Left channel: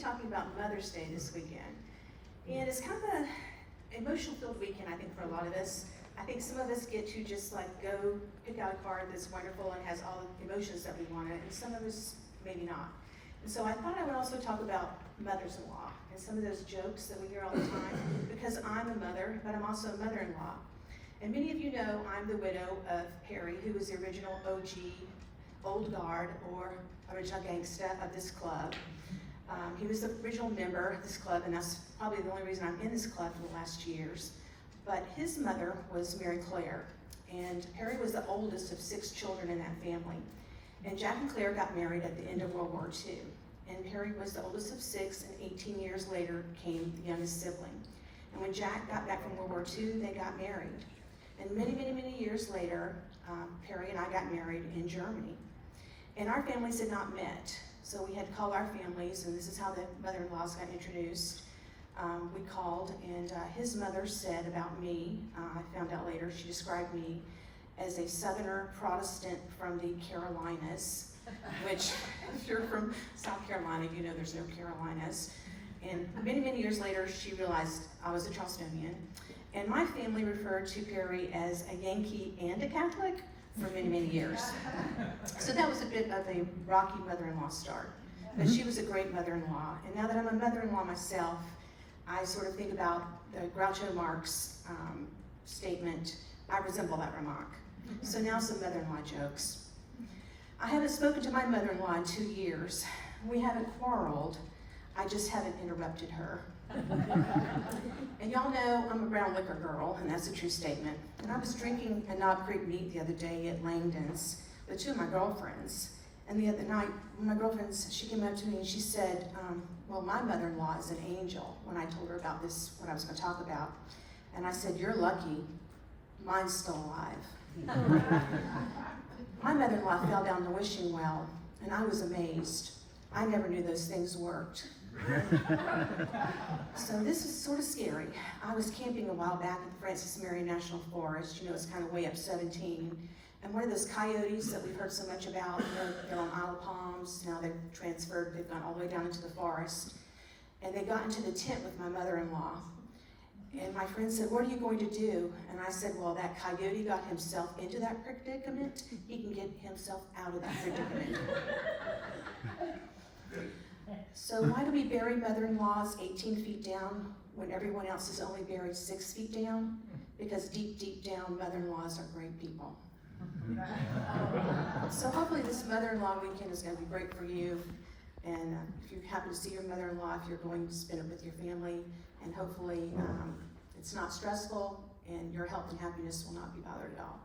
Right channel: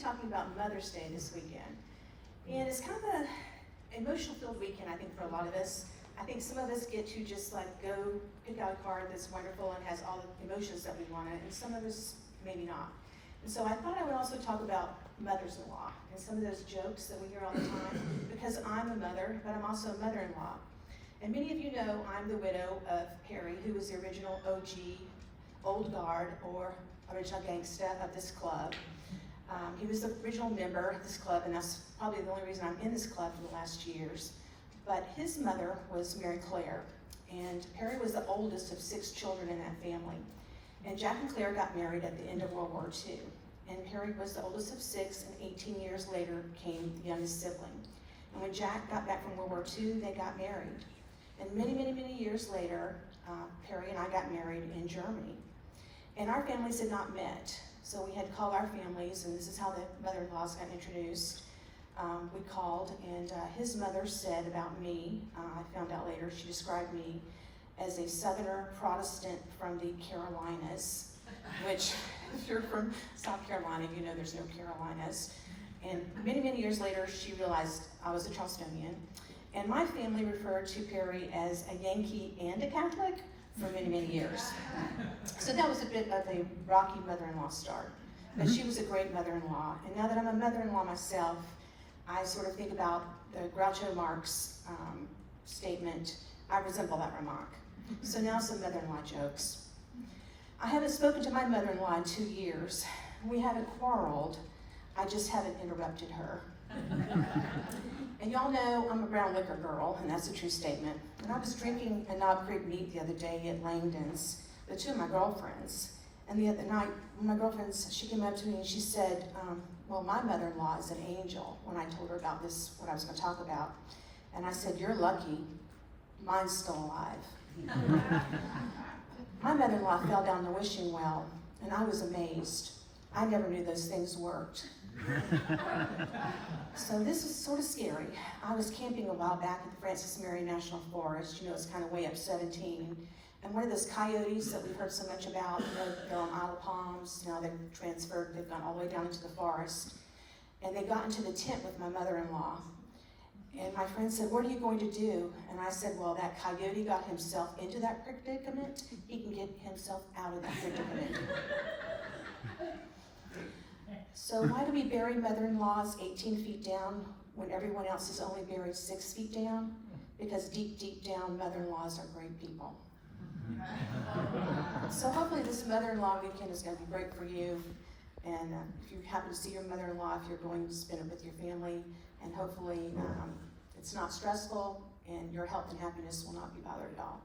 talking about Mother's Day this weekend. And it's kind of an emotional-filled weekend, I think, for a lot of us. I think some of us get to just like go pick out a card that's wonderful and has all the emotions that we want, and some of us maybe not. And so I thought I would also talk about mothers-in-law and some of those jokes that we hear all the time, because I'm a mother, but I'm also a mother-in-law. And many of you know I'm the widow of Perry, who was the original OG, old guard, or original gangsta of this club. He was the original member of this club, and that's probably the only reason I'm in this club for the last years. But his mother was Mary Claire, and Perry was the oldest of 6 children in that family. And Jack and Claire got married at the end of World War II. And Perry was the oldest of 6, and 18 years later came the youngest sibling. And when Jack got back from World War II, they got married. And many, many, many years later, Perry and I got married in Germany. And our families had not met. So we had called our families, and this is how the mother-in-laws got introduced. We called, and his mother said about me, I found out later, she described me as a Southerner Protestant from the Carolinas, which if you're from South Carolina, you know there's no Carolinas. And many, many years later, she realized I was a Charlestonian. And my family referred to Perry as a Yankee and a Catholic for many, many years. So that was a bit of a rocky mother-in-law start. But she was a great mother-in-law. And now that I'm a mother-in-law myself, I sort of think about the Groucho Marx statement, I resemble that remark. So now some mother-in-law jokes. I haven't spoken to my mother-in-law in 2 years. We haven't quarreled, I just haven't interrupted her. And y'all know I'm a brown liquor girl, and that's a true statement. And I was drinking a Knob Creek meat the other day at Langdon's with 2 of my girlfriends. And the other night, my girlfriend, she came up to me and she said, well, my mother-in-law is an angel, when I told her about this, what I was gonna talk about. And I said, you're lucky, mine's still alive. My mother-in-law fell down the wishing well, and I was amazed. I never knew those things worked. So this is sort of scary. I was camping a while back at the Francis Marion National Forest. You know, it's kind of way up 17. And one of those coyotes that we've heard so much about, you know, they're on Isle of Palms, now they've transferred, they've gone all the way down into the forest. And they got into the tent with my mother-in-law. And my friend said, what are you going to do? And I said, well, that coyote got himself into that predicament. He can get himself out of that predicament. So why do we bury mother-in-laws 18 feet down when everyone else is only buried 6 feet down? Because deep, deep down, mother-in-laws are great people. So hopefully this mother-in-law weekend is going to be great for you. And if you happen to see your mother-in-law, if you're going to spend it with your family, and hopefully it's not stressful and your health and happiness will not be bothered at all.